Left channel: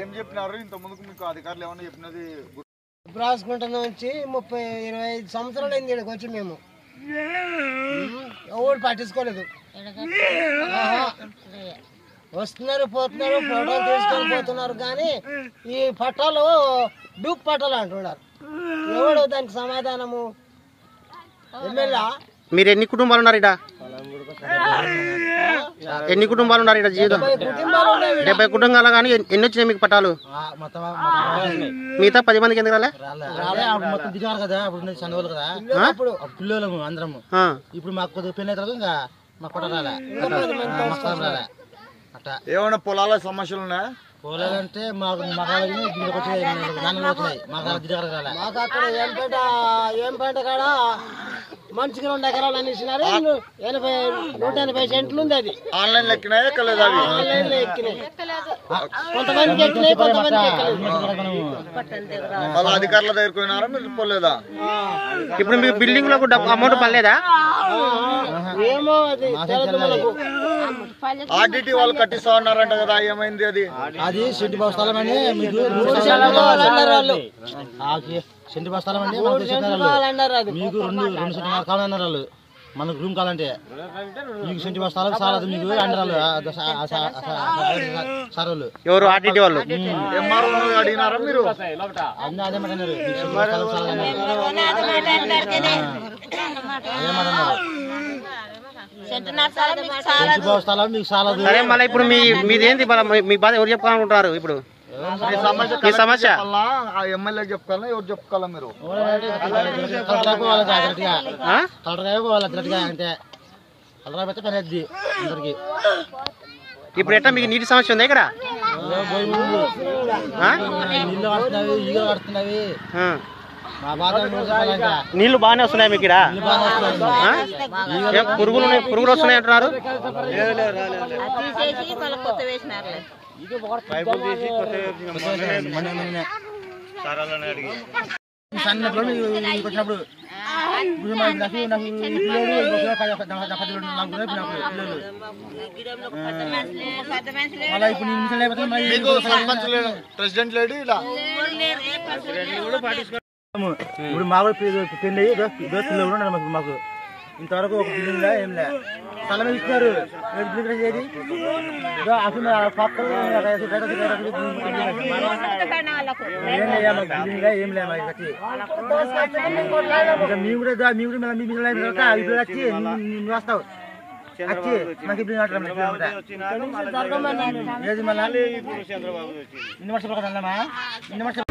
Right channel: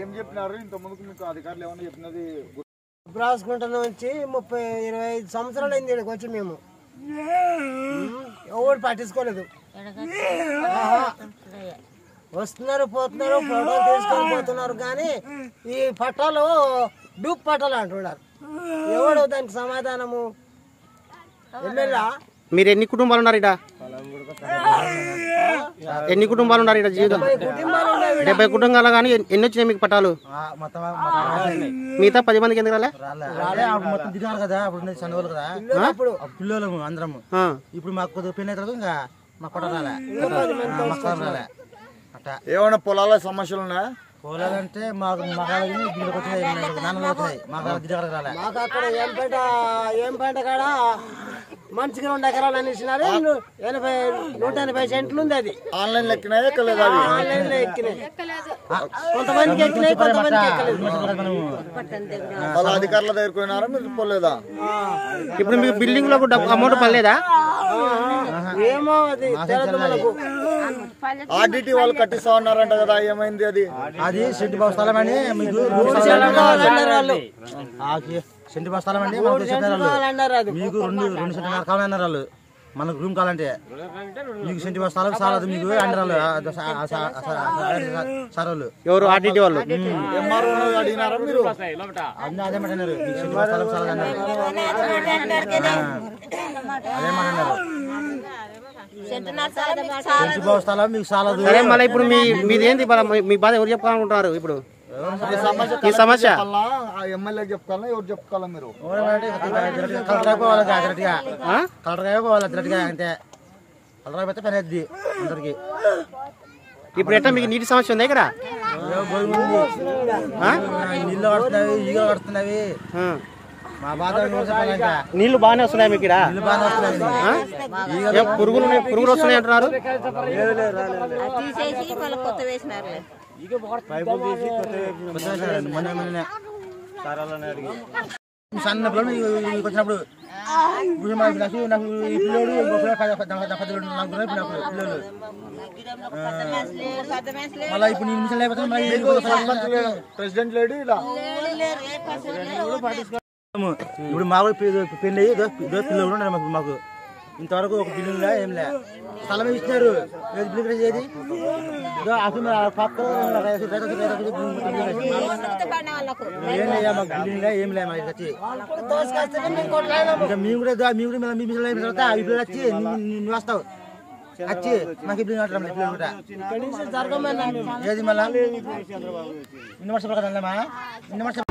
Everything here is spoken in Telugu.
ఏం చెప్పినారు ఇంత ముందుకు మీకు అధికారులు ఏమన్నా చెప్పినది? రాసుకుంట నుంచి 30-25 సంవత్సరాలు అయింది ఇక్కడికి వచ్చి మేము ఎవరు పట్టించుకోలేదు. వస్తున్నారు పోతున్నారు ఫోటోలు తీసుకొని పోతున్నారు కానీ ఈ పట్టాలు డూప్ పట్టాలు అంటున్నారు. ఎవడు దానికి సమాధానము? ఎమ్మెల్యే మీరు ఎన్ని కుటుంబాలు ఉన్నారు ఇక్కడ? ఎన్ని కుటుంబాలు ఉన్నారు ఇక్కడ? జీవితం 70 కుటుంబాలు. కానీ ఎన్ని వచ్చినాయి మీకు పట్టాలు? మిగతా 10 మందికి ఎందుకు రాలే? మొత్తం దిగారు కదా అప్పుడు చందవాళ్ళు కదా పిల్లలు అందరము. ఇప్పుడు మాకు కొద్దిగా పెళ్ళి అవుతుంది ఇంకా మాకు పట్ట రాలే రాలే అట్లా. ఏమైనా పొలాల సమస్యలు ఉన్నాయా? పోలేదంటే మాకు మగాళ్ళకి దీనికి వచ్చినాయి, నాన్నలు వచ్చినాయి, మాకు దిగారు రాలే. మాకు అక్కడ ఏం పంట కాడ మంచిగా 2 ఎకరాలు అనేసినారు. 180 సెంట్లు ఉంది. అది ఆన్లైన్ లో ఎక్కినాయా ఎక్కలేదు? ఆన్లైన్ లో ఎక్కినాయి, కొంతమందికి ఎక్కినాయి కొంతమందికి ఎక్కలేదు. వాళ్ళ అధికారుల దగ్గరికి పోయినారా మీరు? పోలేదా? ఇప్పుడు మీకు బిల్డింగ్ లో అమౌంట్ పడలేదా? ఏమో అది తెలియదు మనకు. ఆర్డిటి వాళ్ళు కట్టిస్తా ఉన్నారంట కదా, ఏమైంది అది? అది సెంటు బస్తాలం అని మీకు 3 సెంట్లు కావాలన్నారు వాళ్ళు. సెంటు బస్తాలం అండి మనకు చెప్పారు వాళ్ళు. మీకు 2 సెంటున్నర కావాలన్నారు వాళ్ళు. మనకు రూమ్ కావాలంటే మీకు సెంటు బస్తాలకు చాలదు మీకు అంటారు సార్ వాళ్ళు. ఎవరు? ఆర్డిటి వాళ్ళు. ఎంఆర్ఓ అడిగినారా మీరు? అదే మాట అన్నారు, మీకు సెంటు బస్తాలకు చాలదు అన్నారు. అదే మాట అన్నారు, సెంటు బస్తాలు మీకు చాలదు. సరే మళ్ళీ ఇప్పుడు మీదేంటి మీ బాధ ఎవరు చెప్పుకోవాలనుకుంటున్నారు? ఇప్పుడు ఈ సమస్య ఎమ్మెల్యే చెప్పుకోవాలా ఎవరు చెప్పుకోవాలా? మీరు కలెక్టర్ అయిపోవాలి అంతే. కలెక్టర్ అయిపోతే పని అవుతుంది అందరికి. ఇప్పుడు ఎట్లా మీకు నీటి సమస్య ఉంది ఇక్కడ? నీళ్ళు కడుతున్నాయి, ఈగలు కడుతున్నాయి. మా బాధ చెప్పాలంటే నీళ్లు బాగానే వస్తున్నాయి మీకు ఇక్కడ? పురుగులు వస్తున్నాయి అంటున్నారు. వచ్చినప్పుడు ప్రెసిడెంట్ లేడు ఇలా. ఇప్పుడు మా పెళ్ళి పిల్లలు ఉన్నారు మాకు. ఇంతవరకు ఒక బిల్డింగ్ ఏం లే, స్థలం ఇస్తున్నారు. బిల్డింగ్ ఏది ఏం లే మాకు వచ్చి మేము కూడా ఇప్పుడు వచ్చి నువ్వు వస్తావు వచ్చి మాకు బిల్డింగ్ ఏది మళ్ళీ 2 వర్షాలు కదా 2 వర్షాలు